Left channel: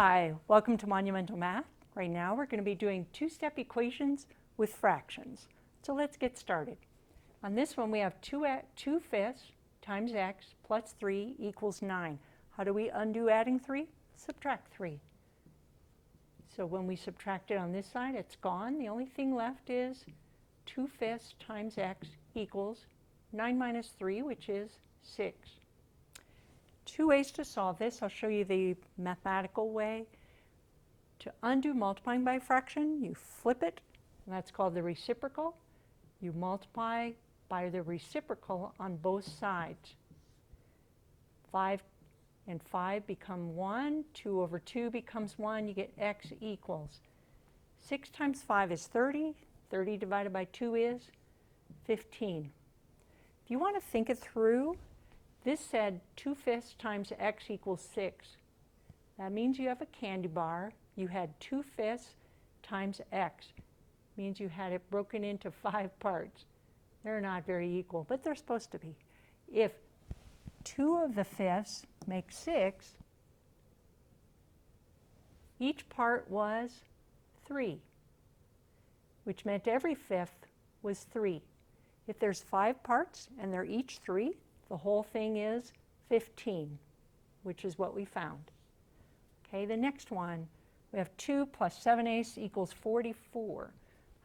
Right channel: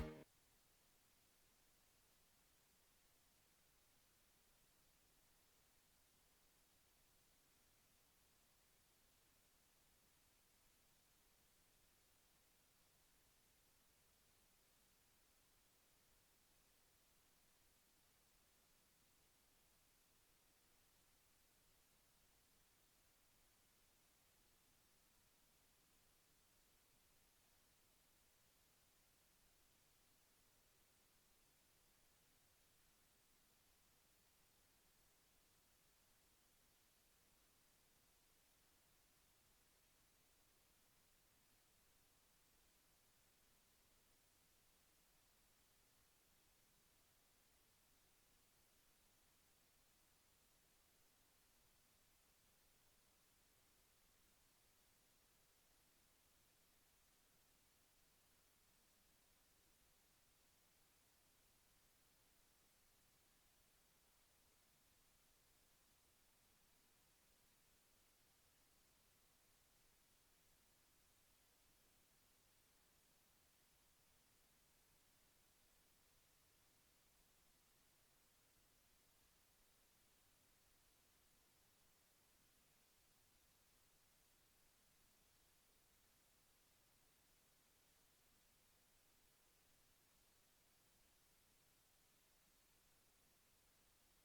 Hi, welcome to Monumental Math. Right now we're going to be doing two-step equations with fractions. So let's get started. On this one we have 2 fifths times x plus 3 equals 9. How do we undo adding 3? Subtract 3. So when we subtract it on this side, it's gone. The only thing left is 2 fifths times x equals 9 minus 3, which is 6. Two ways to solve this. I'll show you the mathematical way. To undo multiplying by a fraction, you flip it, and that's called the reciprocal. You multiply by the reciprocal on both sides. 5 and 5 become 1. 2 over 2 becomes 1. You get x equals 6 times 5 is 30. 30 divided by 2 is 15. If you want to think it through, this said 2 fifths times x equals 6. That means you have a candy bar. You had 2 fifths times x. Means you had it broken into 5 parts. They're not very equal, but they're supposed to be. If 2 of the fifths make 6, each part was 3, which meant every fifth was 3. If there's 5 parts and they're each 3, the whole thing is 15, which is what we found. Okay, the next one, we have 2 plus 7/8 equals 44.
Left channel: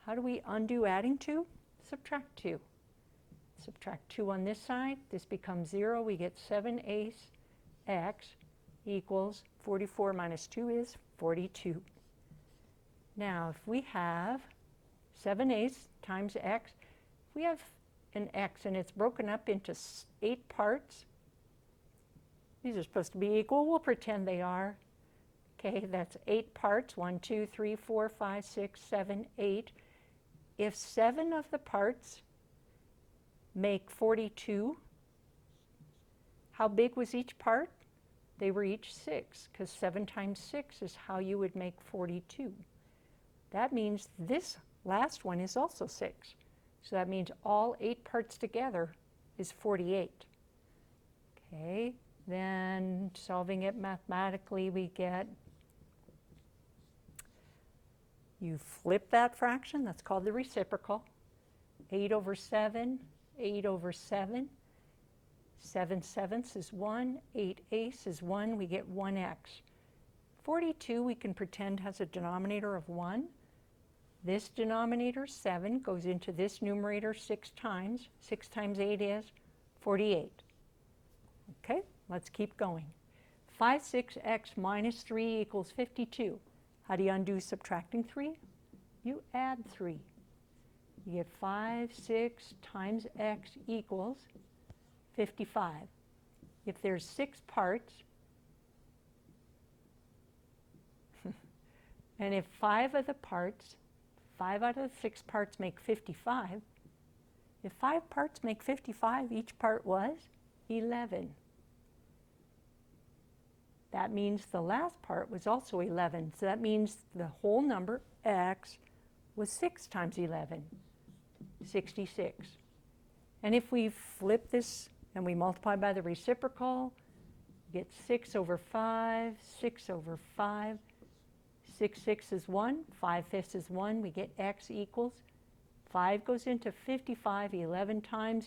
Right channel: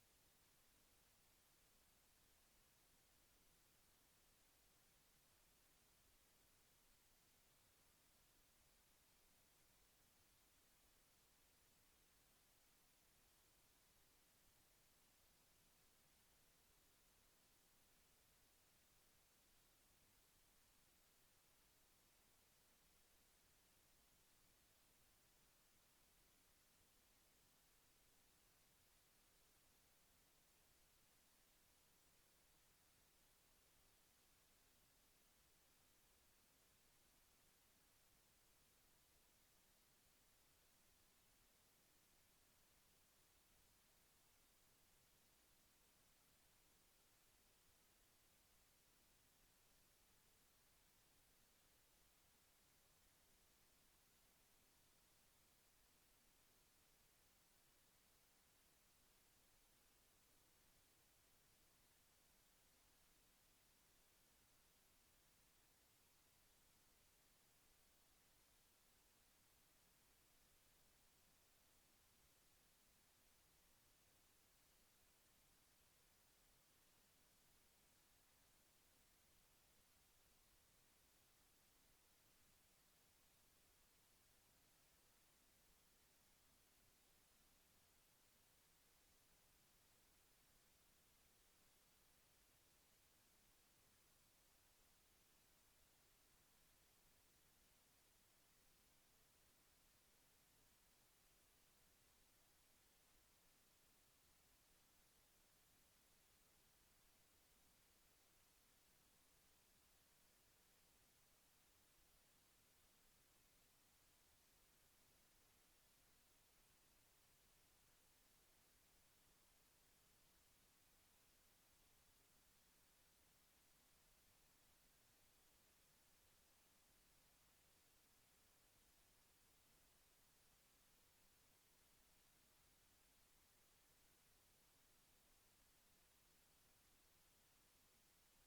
How do we undo adding 2? Subtract 2. Subtract 2 on this side. This becomes 0. We get 7/8 x equals 44 minus 2 is 42. Now, if we have 7/8 times x, if we have an x and it's broken up into 8 parts, these are supposed to be equal. We'll pretend they are. Okay, that's 8 parts. 1, 2, 3, 4, 5, 6, 7, 8. If 7 of the parts make 42, how big was each part? They were each 6, because 7 times 6 is how you would make 42. That means this last one is also 6. So that means all 8 parts together is 48. Okay, then solving it mathematically, we get, you flip that fraction, that's called the reciprocal. 8 over 7, 8 over 7. 7/7 is 1, 8/8 is 1, we get 1x. 42 we can pretend has a denominator of 1. This denominator, 7, goes into this numerator 6 times. 6 times 8 is 48. Okay, let's keep going. 5, 6x minus 3 equals 52. How do you undo subtracting 3? You add 3. You get 5, 6 times x equals 55. If there's 6 parts, and if 5 of the parts, 5 out of the 6 parts make 55. If 5 parts make 55, each part was 11. That means the last part was also 11. So that means the whole number, x, was 6 times 11, 66. And if we flip this and we multiply by the reciprocal, we get 6 over 5, 6 over 5. 6/6 is 1, 5/5 is 1, we get x equals, 5 goes into 55, 11 times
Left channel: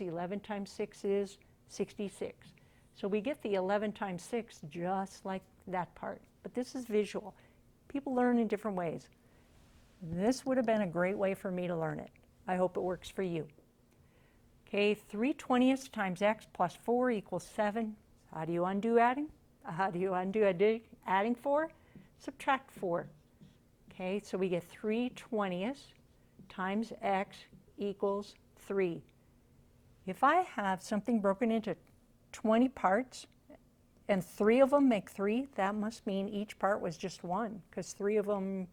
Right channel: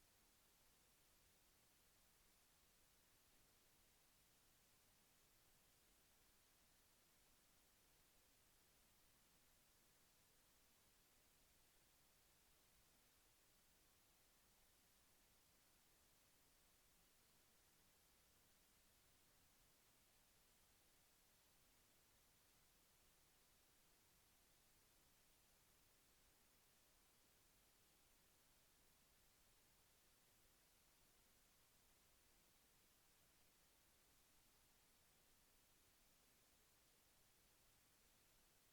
6 is 66. So we get the 11 times 6 just like that part. But this is visual. People learn in different ways. This would have been a great way for me to learn it. I hope it works for you. Okay, 3/20 times x plus 4 equals 7. How do you undo adding? How do you undo adding 4? Subtract 4. Okay, so we get 3/20 times x equals 3. If I have something broken into 20 parts and 3 of them make 3, that must mean each part was just 1, because 3 of them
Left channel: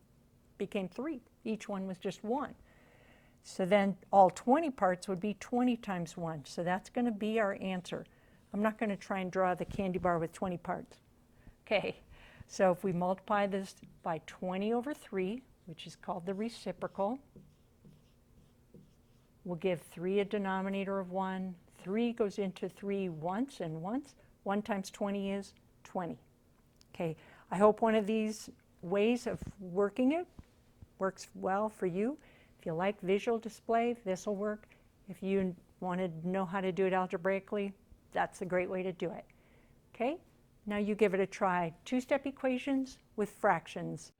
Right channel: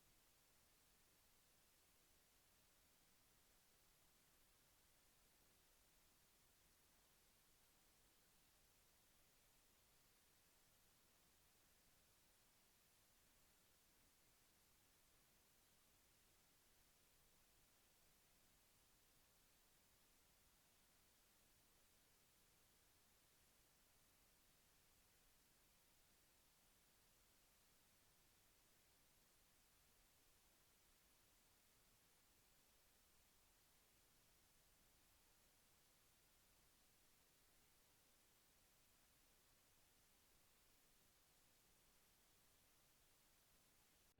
became 3. Each one was just 1. So then all 20 parts would be 20 times 1. So that's going to be our answer. I'm not going to try and draw the candy bar with 20 parts. Okay. So if we multiply this by 20 over 3, which is called the reciprocal, we'll give 3 a denominator of 1. 3 goes into 3 once and once. 1 times 20 is 20. Okay, I hope one of these ways of working it works well for you. If you like visual display, this will work. If you want to know how to do it algebraically, that's a great way to do it. Okay, now you give it a try. Two-step equations with fractions.